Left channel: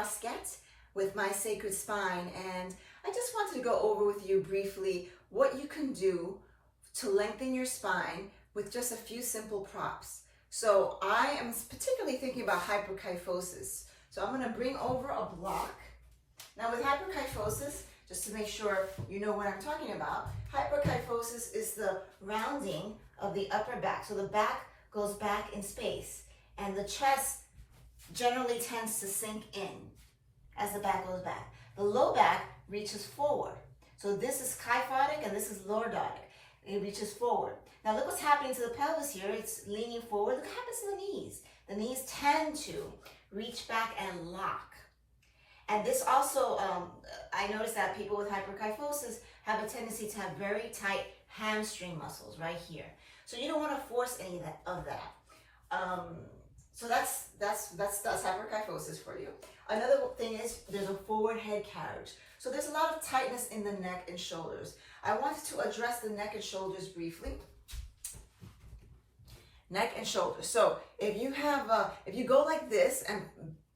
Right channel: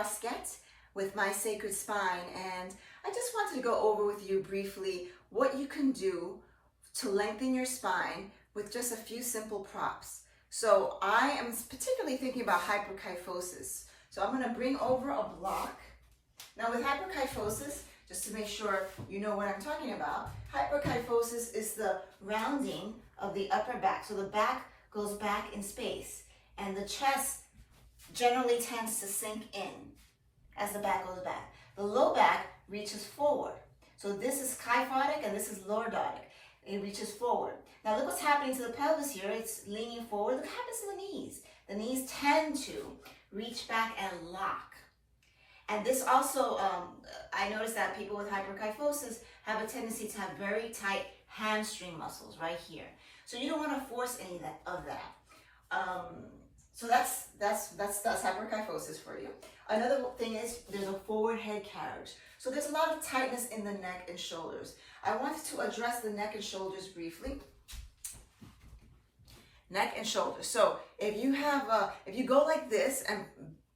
Rosquete with My Sacred Spine, and I just wanted to go over with you briefly what you can do to lengthen your spine with just a few simple props. So I am particularly thinking about hyperkyphosis. So I'm going to bring over a block. Now with hyperkyphosis, just to make sure you know what I'm talking about, hyperkyphosis is the rounding of the upper back. So the back goes back in space, and the chest generally tends to sink in as the back goes back. The low back reaches forward. So this is kyphotic and this is lordotic. It reaches forward. Now look what's happening to the pelvis here. It's leaning forward. Look what happens to the knees. The knees tend to reach back and lock. And this also, I noticed that people with hyperkyphosis have a tendency to have very tight hamstring muscles right here. So you don't want to force any of that. So that's hyperkyphosis for you. Another thing is there's a forward head carriage. So there's a lot of tightness in the neck and shoulders. I wanted to address the neck and shoulders briefly. Neck and shoulders. So if you go like this and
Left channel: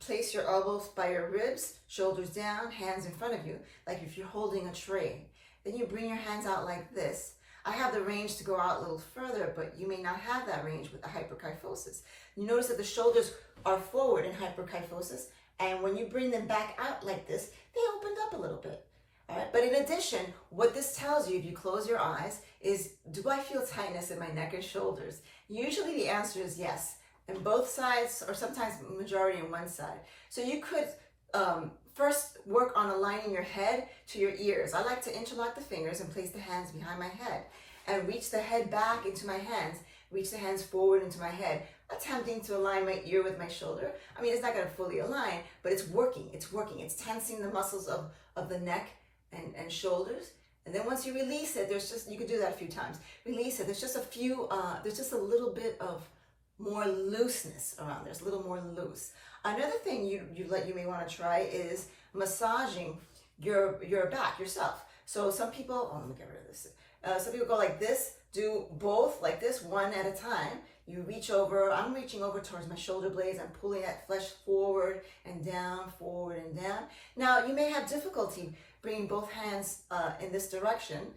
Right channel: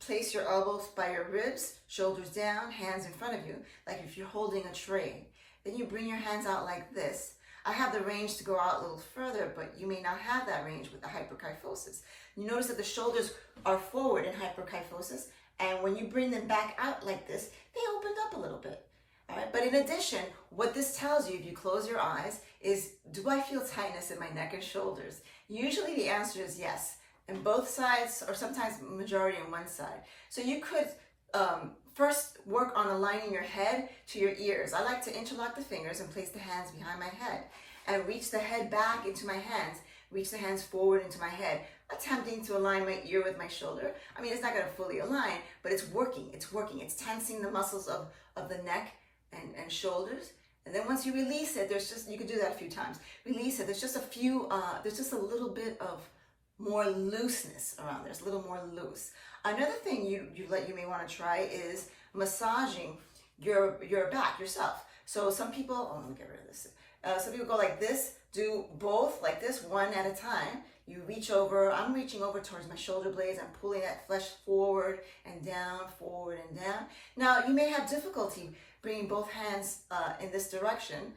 place your elbows by your ribs, shoulders down, hands in front of you, like if you're holding a tray, then you bring your hands out like this. I have the range to go out a little further, but you may not have that range with the hyperkyphosis. You notice that the shoulders are forward in hyperkyphosis, and when you bring them back out like this, they opened up a little bit. All right? But in addition, what this tells you, if you close your eyes, is do I feel tightness in my neck and shoulders? Usually the answer is yes, in both sides, or sometimes majority on one side. So you could first work on aligning your head to your ears. I like to interlock the fingers and place the hands behind my head and reach the head back into my hands, reach the hands forward into my head, attempting to align my ear with my shoulder. I mean, it's not going to fully align, but it's working. It's working. It's tensing the muscles of the neck and shoulders. And then once you release it, you could do that a few times. Release it. There's just a little bit of more looseness around there. It's a little more loose. Another thing you may want to try is massaging your back yourself. So some people, let me get rid of this. Some people go like this, do both like this, one at a time. You reach over, I'm reaching over towards my shoulder blades. I'm pulling that flesh forward and down, forward and down. Now you may have difficulty bringing both hands in this direction.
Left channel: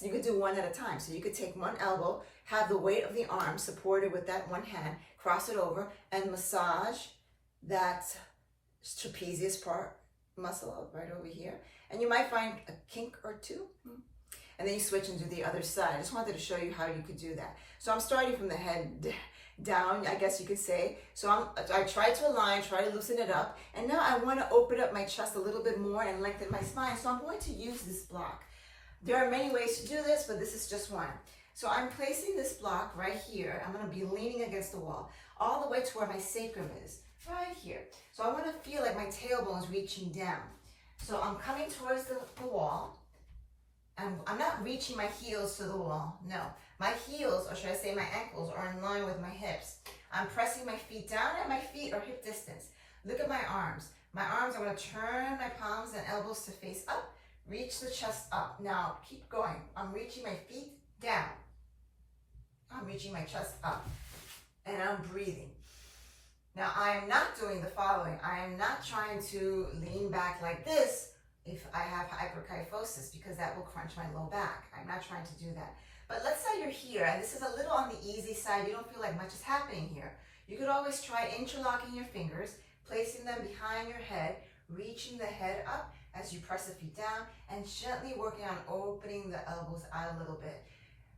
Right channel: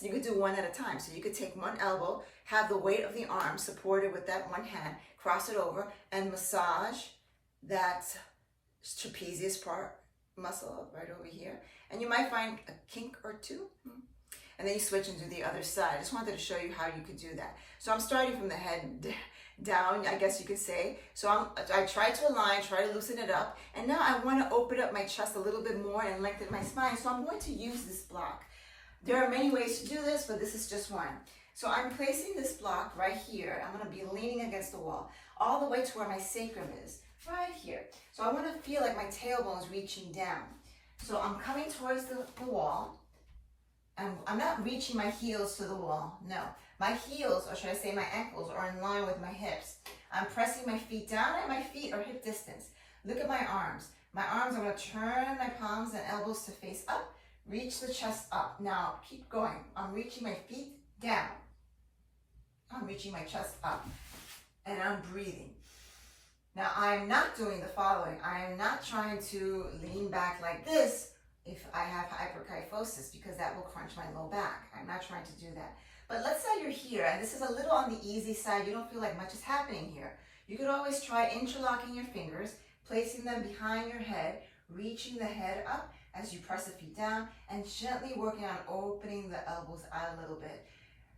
You could do one at a time. So you could take one elbow, have the weight of the arm supported with that one hand, cross it over and massage that trapezius part muscle right over here. And you might find a kink or two. And then you switch and do the other side. I just wanted to show you how you could do that. So I'm starting from the head down, I guess you could say. So I try to align, try to loosen it up. And now I want to open up my chest a little bit more and lengthen my spine. So I'm going to use this block. There are many ways to do this, but this is just one. So I'm placing this block right here. I'm going to be leaning against the wall, all the way to where my sacrum is, right here. So I want to feel like my tailbone's reaching down. So I'm coming towards the wall. I'm not reaching my heels to the wall, no. My heels, or should I say my ankles, are in line with my hips. I'm pressing my feet down at my feet or hip distance. Look at my arms. My arms, I'm going to turn my palms and elbows to face up. Reach the chest up. Now, keep going. I'm reaching my feet down. I'm reaching my chest up. And I'm breathing. Now, I am not doing the following. I am not trying to lean back like this if I have hyperkyphosis, because that will crunch my low back. I'm not trying to do that. But let's say you're here, and this is a little on the easy side. You don't feel like much is happening here. You could always try interlocking your fingers, placing them behind your head, reaching the head up as you press the feet down, and gently working on opening the elbows out a little bit.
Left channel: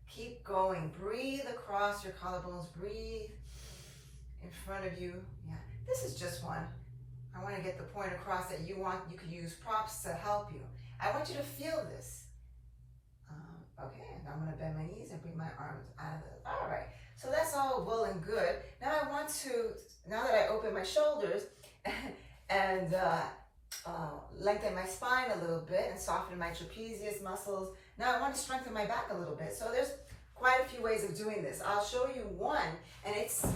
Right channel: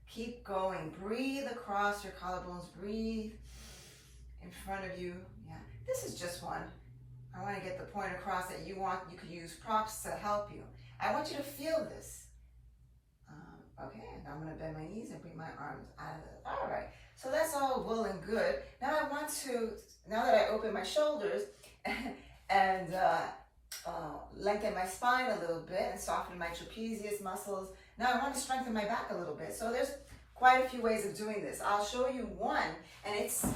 Keep going. Breathe across your collarbones. Breathe in front of you. Yeah, this is just one. I want to get the point across that you could use props to help you. I want you to feel this. Okay, now I'm going to bend my knees and bring my arms out of it. All right, so that's all well and good. Now I want to, now that I open my shoulders and lengthen my spine a little bit and soften my trapezius muscles, now I want to strengthen my back a little bit. So there's quite a few ways of doing this. I'll show you one, and it's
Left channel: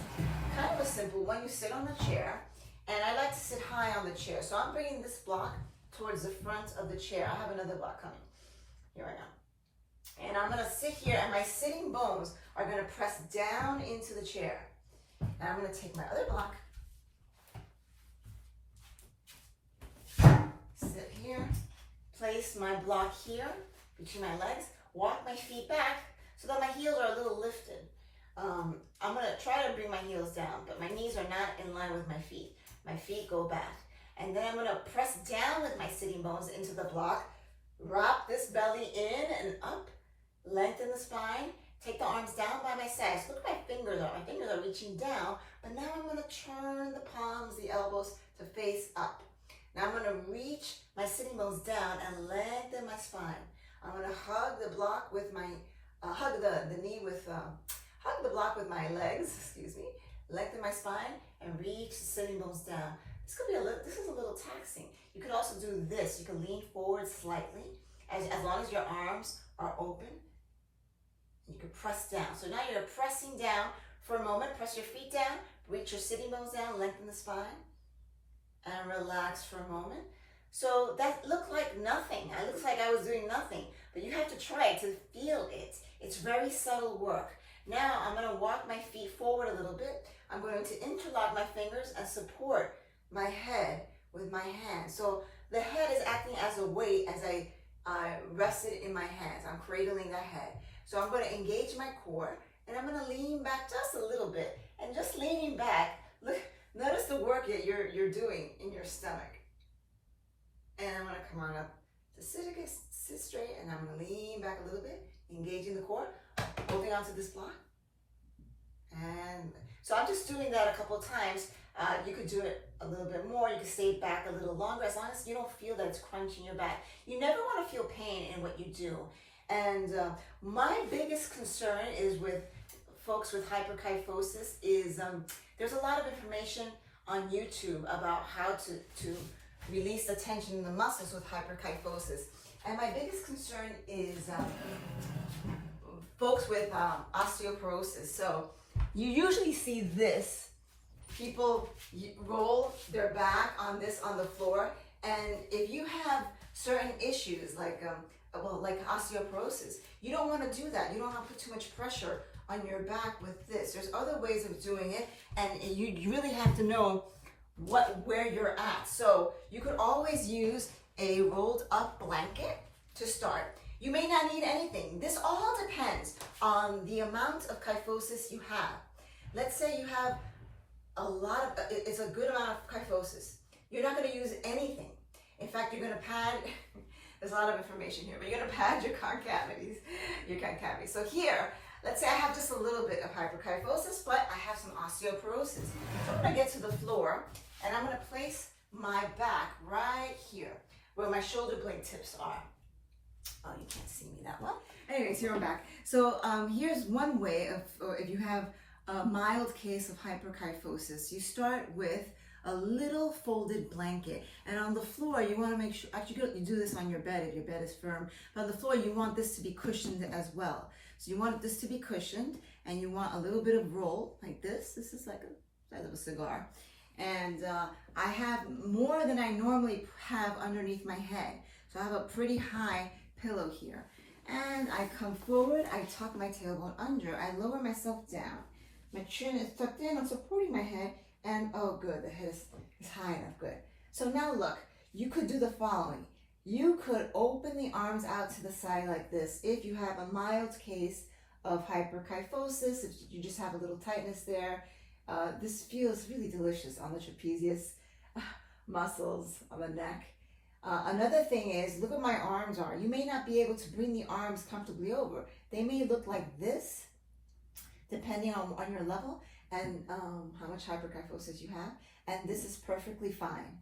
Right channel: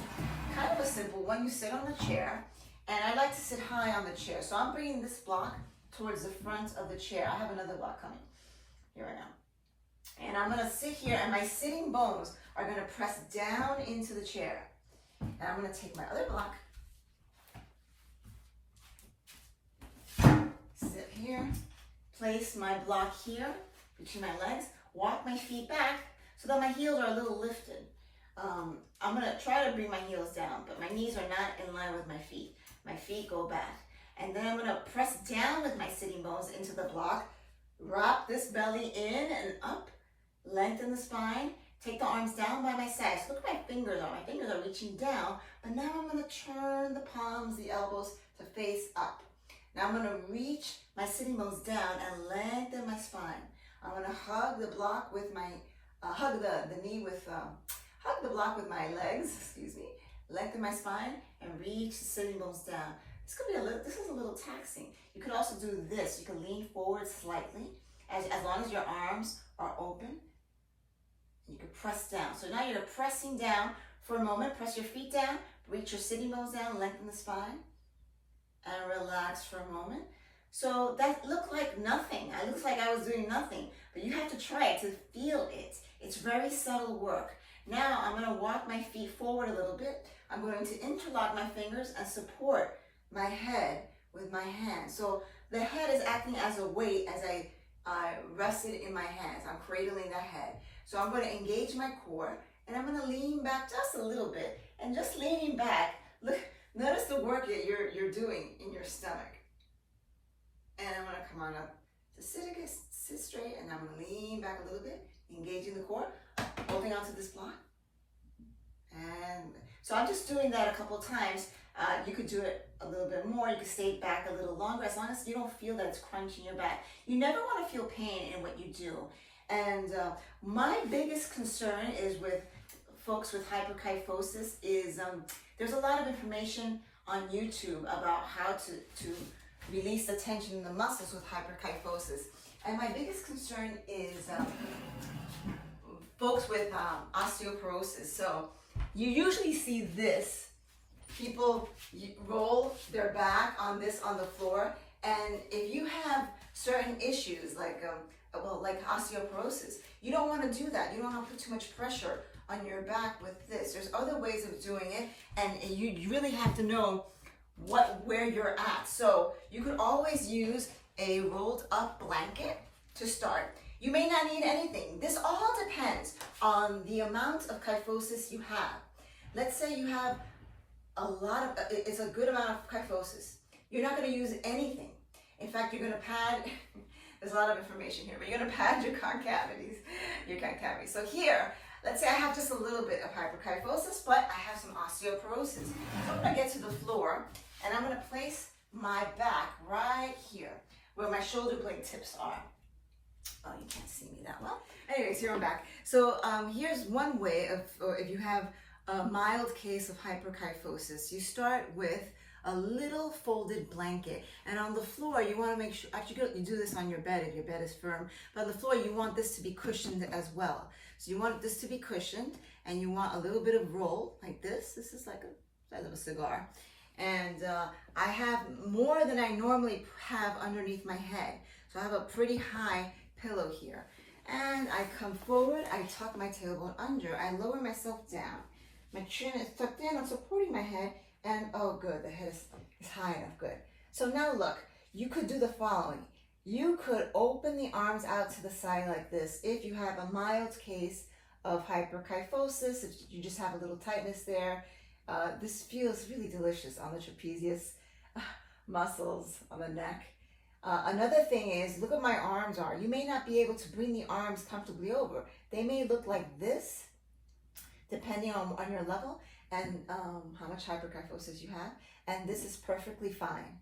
kind of a simple one. You sit on the chair. And I like to sit high on the chair. So I'm bringing this block towards the front of the chair. I have another block coming here right now. And I'm going to sit here, and my sitting bones are going to press down into the chair. And I'm going to take my other block. here, place my block here between my legs, walk my feet back so that my heels are a little lifted. I'm going to try to bring my heels down, but my knees are not in line with my feet. My feet go back. And then I'm going to press down with my sitting bones into the block, wrap this belly in and up, lengthen the spine, take the arms down by my sides. Look at my fingers are. My fingers are reaching down, but now I'm going to turn the palms, the elbows to face up. Now I'm going to reach my sitting bones down and lengthen my spine. I'm going to hug the block with my, hug the knee with, hug the block with my legs, excuse me, lengthen my spine and reach the sitting bones down. This is a little taxing. You could also do this. You can lean forward slightly as long as your arms are open. You can press down. So now you're pressing down for a moment. Press your feet down, reach your sitting bones down, lengthen the spine, and relax for a moment. So that looked like nothing. It looks like I was doing nothing, but you have to try it to feel it. It's very subtle work. Now I'm going to walk my feet forward a little bit. I'm going to interlock my fingers and support my head with my hands. So the head is acting as a weight as I rest it in my hands. I'm cradling the head. So I'm going to engage my core and I'm going to lean back just a little bit. And just leaning back, look, notice the work that you're doing in your stomach. And I'm going to come on up to sit straight, and I'm going to lean back a little bit, engaging the core, holding onto this block. And so I'm just doing that a couple of times. You could do it a little bit more. You could stay back a little longer, as long as you don't feel that it's crunching your back. You never want to feel pain in what you do. And my biggest concern is with folks with hyperkyphosis is there's a lot of information on YouTube about how to release the tension in the muscles with hyperkyphosis. And my biggest concern is folks with osteoporosis. So you usually see this. People roll their back on the floor, and if you have certain issues like osteoporosis, you don't want to do that. You don't want to put too much pressure on your back with this. There's other ways of doing it, and you really have to know where you're at. So you could always use a rolled up blanket to start. You may not need anything. This all depends on the amount of kyphosis you have. Let's say you have it's a good amount of kyphosis. You're not going to use anything. In fact, you're going to pad, there's a lot of information here, but you're going to pad your concavities. So here, let's say I have just a little bit of hyperkyphosis, but I have some osteoporosis. So I'm going to get to the floor, and I'm going to place my back right here, where my shoulder blade tips are. Oh, you can't see me that well. Anyways, here I'm back. So here's one way of, if you have a mild case of hyperkyphosis, you start with a little folded blanket, and on the floor you want to make sure, actually you do this on your bed if your bed is firm, but on the floor you want this to be cushioned as well. So you want this to be cushioned, and you want a little bit of roll like this. This is like a size of a cigar, and I have more than I normally have underneath my head, so I have a pretty high pillow here, and I come forward, I tuck my tailbone under, I lower myself down. My chin is tucked in, I'm supporting my head, and oh good, the head is high enough, good. So now look, you could do the following. You could open the arms out to the side like this if you have a mild case of hyperkyphosis, if you just have a little tightness there. This feels really delicious on the trapezius muscles of the neck. Another thing is, look at my arms are. You may not be able to bring the arms comfortably over. They may look like this, depending on your level and how much hyperkyphosis you have, and this is perfectly fine.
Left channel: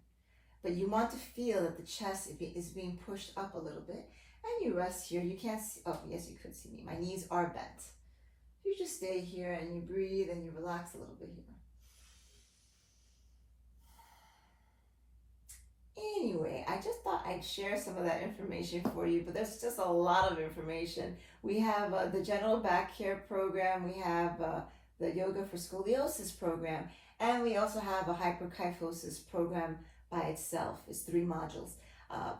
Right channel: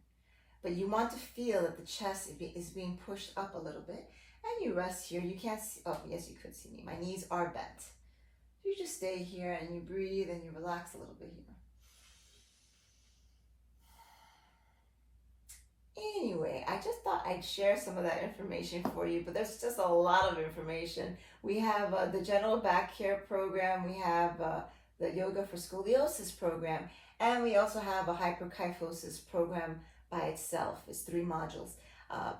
But you want to feel that the chest is being pushed up a little bit, and you rest here. You can't see, oh yes, you could see me. My knees are bent. You just stay here and you breathe and you relax a little bit here. Anyway, I just thought I'd share some of that information for you, but there's just a lot of information. We have the general Backcare program, we have the yoga for scoliosis program, and we also have a hyperkyphosis program by itself. It's 3 modules.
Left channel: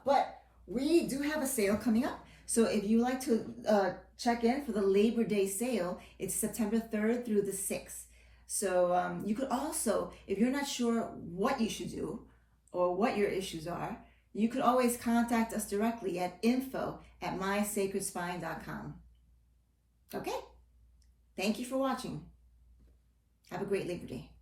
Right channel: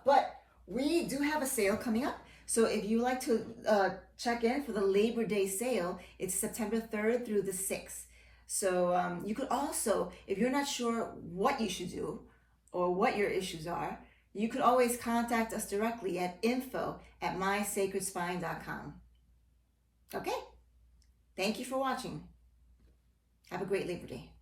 But we do have a sale coming up. So if you like to check in for the Labor Day sale, it's September 3rd through the 6th. So you could also, if you're not sure what you should do or what your issues are, you can always contact us directly at info@mysacredspine.com. Okay? Thank you for watching. Have a great Labor Day.